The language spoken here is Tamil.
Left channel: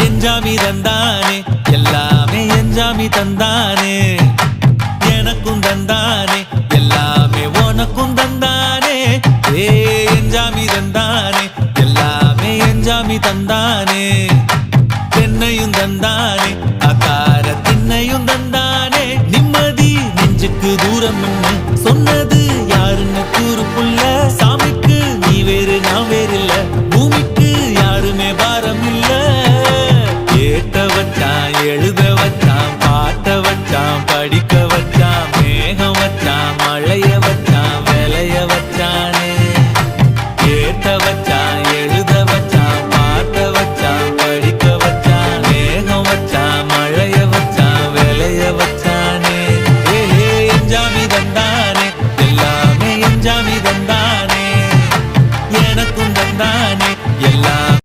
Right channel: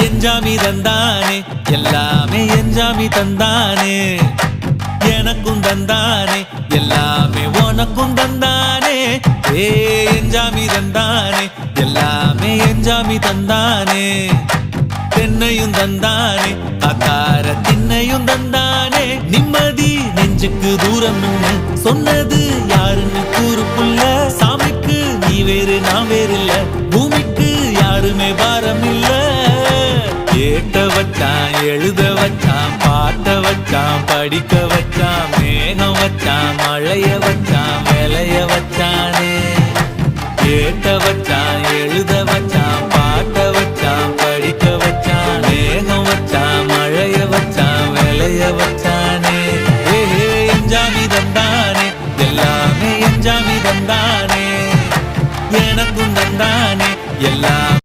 எஞ்சாமி தந்தானே எல்லாமே எஞ்சாமி தந்தானே எனக்கும் தந்தானே எல்லாமே உனக்கும் தந்தானே ஏ எஞ்சாமி தந்தானே எல்லாமே எஞ்சாமி தந்தானே தென்னையும் தந்தானே அத்தார திண்ணையும் தந்தானே நிம்மதி நெஞ்சுக்கு தூரம் சொன்னது யாருன்னு கூறு புள்ள சாமிக்கு நீ வேறு நான் வேறு இல்ல பூமிக்கு யாருமே பாரம் இல்ல ஏட்ட வச்சான் எழுத வச்சான் பாட்ட வச்சான் படிக்க வச்சான் மேகம் வச்சான் மழைய வச்சான் விளைய வச்சானே ஏட்ட வச்சான் எழுத வச்சான் பாட்ட வச்சான் படிக்க வச்சான் மேகம் வச்சான் மழைய வச்சான் விளைய வச்சானே ஏஹே எஞ்சாமி தந்தானே எல்லாமே எஞ்சாமி தந்தானே எனக்கும் தந்தானே எல்லாம்